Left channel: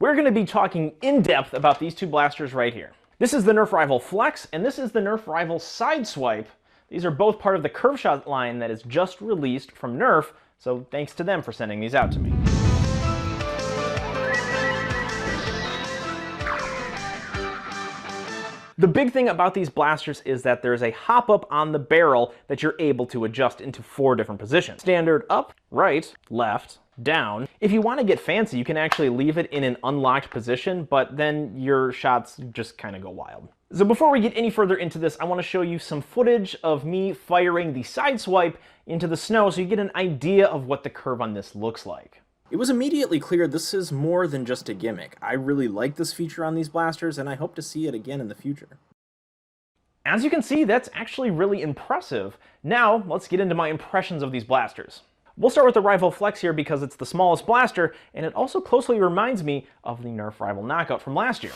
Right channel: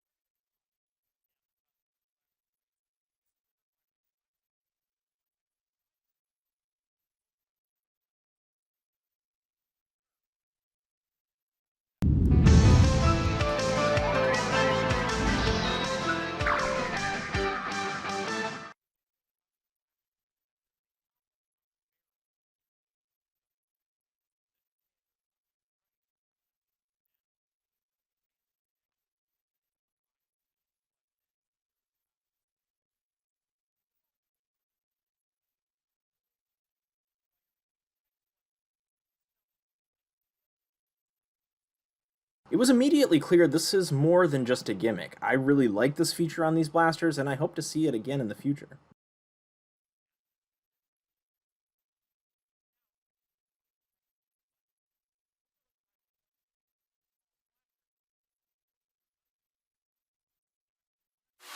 We're going to be talking in depth about these two blasters right here. This is the Nerf Rival Flex, and this is the Nerf Rival Sideswipe. These are both part of the Curve Shot line that is just released from Nerf, so thanks to them for sending these out to me. The big thing about these blasters is that there's a hop-up on the barrel that you're able to adjust into 4 different positions. Standard up, right, left, down. If you want to get fancy, you can actually leave it in an unlocked position, but then your shots just kind of go wild. So before we get any further into this, I want to show you some footage of me firing the Sideswipe into the snow so you get an idea of what the curve on this looks like. It was immediately clear this is more than just a gimmick. I really like this feature on these blasters, and I hope to see it again in the future. As you can see, that's actually really impressive. Now, let's get into my impressions of these blasters. We'll start with the Rival Flex here because it's the smallest blaster, and it also closely reminds me of the Nerf Rival Knockout from last year.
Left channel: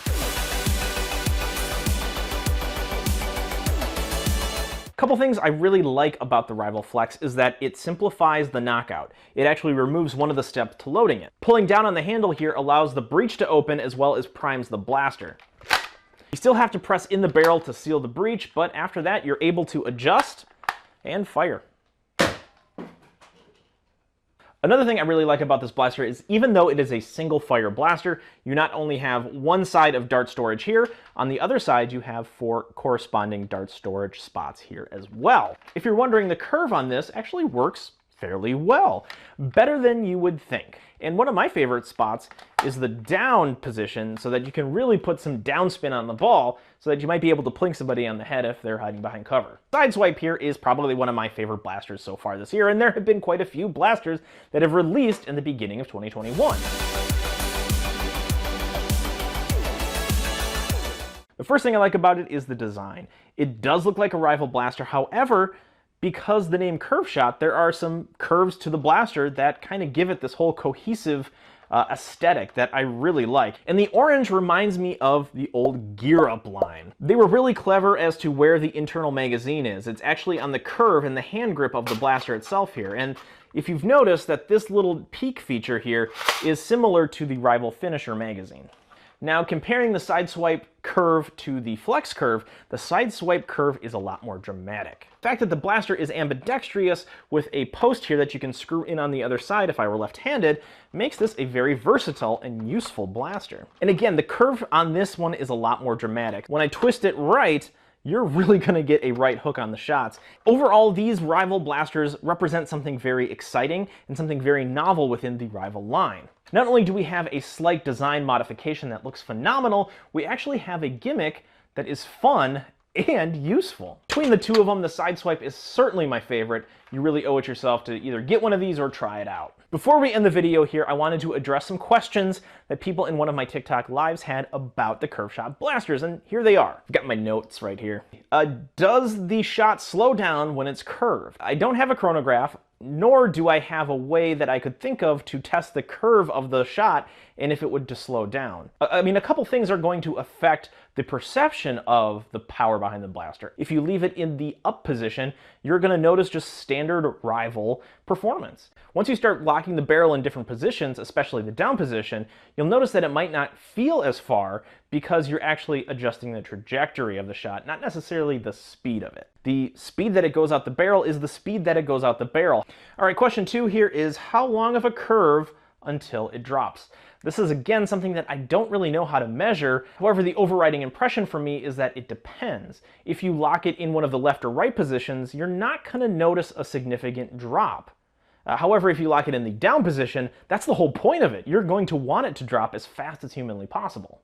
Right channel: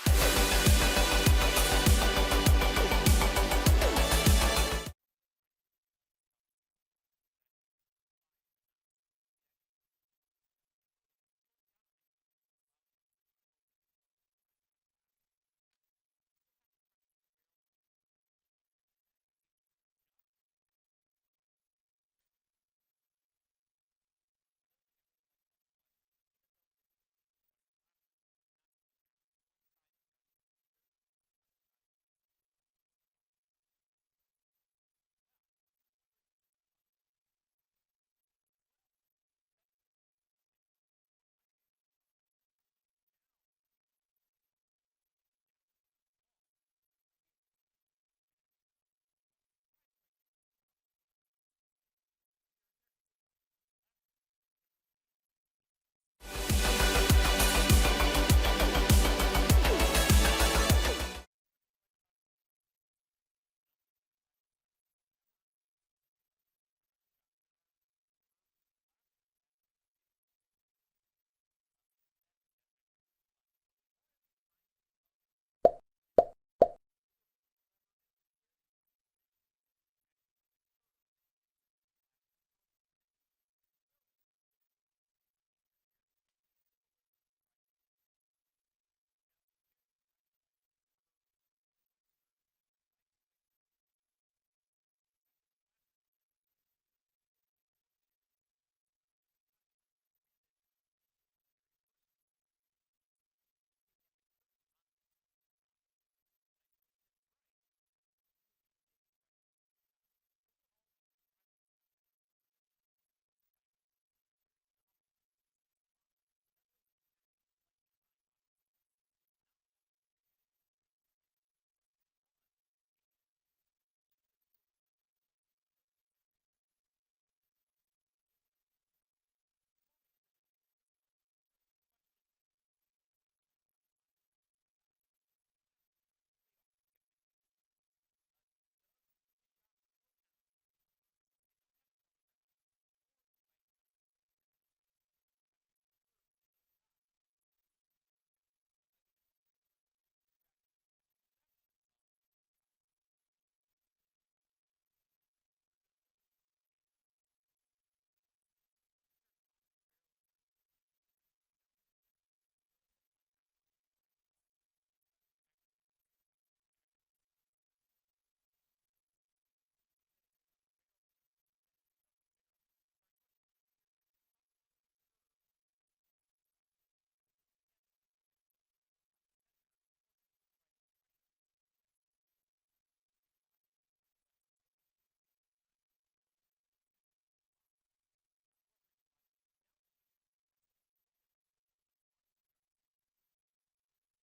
A couple things I really like about the Rival Flex is that it simplifies the knockout. It actually removes one of the steps to loading it. Pulling down on the handle here allows the breech to open as well as primes the blaster. You still have to press in the barrel to seal the breech, but after that you're able to adjust and fire. Another thing I really like about this blaster is even though it is a single fire blaster, you not only have one side of dart storage here, on the other side you have 4 corresponding dart storage spots here as well. If you're wondering, the curve on this actually works fairly well, better than you would think. And one of my favorite spots is the down position so that you can really put some downspin on the ball so that you might be able to plink somebody on the head if they're hiding behind cover. Sideswipe here is probably one of my favorite blasters so far this year, and there have been quite a few blasters that have released in the beginning of 2021. The first thing I like about it is the design. It does look like a Rival blaster, however, because the name Curve Shot, there are some curves to the blaster that kind of give it this whole cohesive aesthetic that I really like. And the orange reminds me of the old Gear Up line. They were really clever as to where the internal magazine is. It's actually on the curve and the hand grip of the blaster itself here. And if you've noticed that this little peak feature here is similar to the Rival Finisher magazine. Now, comparing the Sideswipe curve to the Flex curve, the Sideswipe curve is a lot more dramatic. The fact that the blaster is ambidextrous with a post here that you can screw in on the other side if I were left-handed makes this a very versatile and useful blaster. And again, the curve on this one is a lot more dramatic. When I twist it right, you're really going to get a right hook on the shots. Overall, these Rival blasters represent something very exciting and something very novel within the Rival line. Not only do we have a slight design modification that looks phenomenal, we actually have a gimmick that is fun and useful. Between the two of them, the Sideswipe is certainly my favorite. You really owe it yourself to either get one of these or try it out. Before we end the video here, I wanted to address some questions that people in one of my TikTok lives had about the Curve Shot blasters, and here they are. I've got my notes right here. Does the shot slow down when it's curved? I don't have a chronograph, nor do I have a way that I could think of to test the curve of the shot and if it would just slow down. I mean, a couple things are going to affect the perception of the power behind the blaster. If you leave it in the up position, you're going to notice just standard Rival performance. Once you start locking the barrel in different positions, especially the down position, you'll notice that it might not feel as far because you're actually adjusting the trajectory of the shot, not necessarily the speed of it. The speed that it goes out the barrel is the speed that it goes out the barrel. All right, question 2 here is how long of a curve until it drops? This is again something that I don't really know how to measure. However, the overriding impression for me is that it depends. If you lock it in one of the left or right positions, you're not going to notice a significant drop. However, if you lock it in the down position, that's the whole point of it. You're going to want it to drop as fast as humanly possible.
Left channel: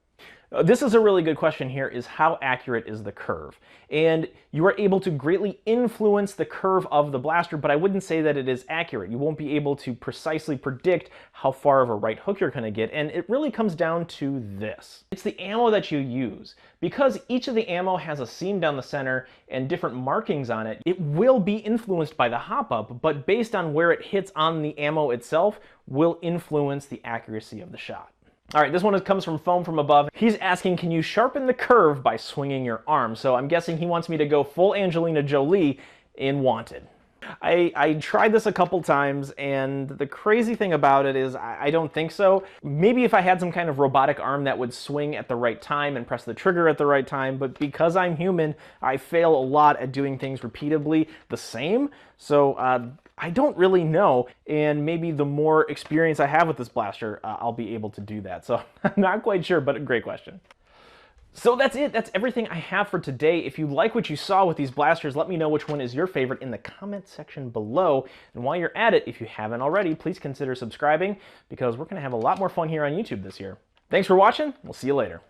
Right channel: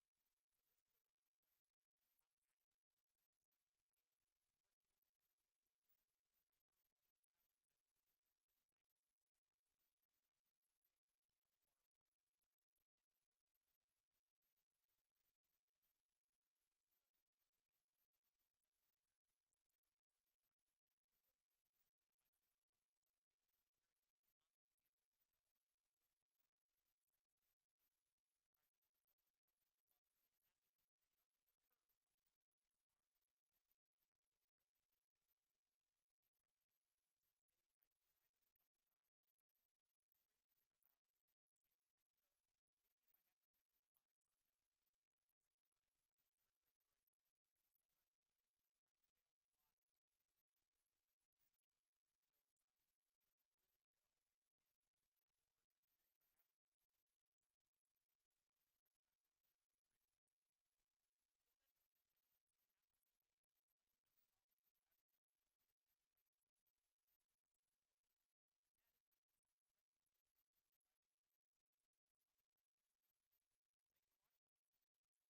This is a really good question here, is how accurate is the curve? And you are able to greatly influence the curve of the blaster, but I wouldn't say that it is accurate. You won't be able to precisely predict how far of a right hook you're going to get, and it really comes down to this. It's the ammo that you use. Because each of the ammo has a seam down the center and different markings on it, it will be influenced by the hop-up, but based on where it hits on the ammo itself will influence the accuracy of the shot. All right, this one comes from Foam from Above. He's asking, can you sharpen the curve by swinging your arm? So I'm guessing he wants me to go full Angelina Jolie in Wanted. I tried this a couple times, and the crazy thing about it is I don't think so. Maybe if I had some kind of robotic arm that would swing at the right time and press the trigger at the right time, but because I'm human, I fail a lot at doing things repeatedly the same. So I don't really know, and maybe the more experience I have with this blaster, I'll be able to do that. So I'm not quite sure, but a great question. So that's it. That's everything I have for today. If you like what you saw with these blasters, let me know which one is your favorite in the comment section below. And while you're at it, if you haven't already, please consider subscribing, because we're going to have a lot more fun here on YouTube this year. Thanks for watching. We'll see you later.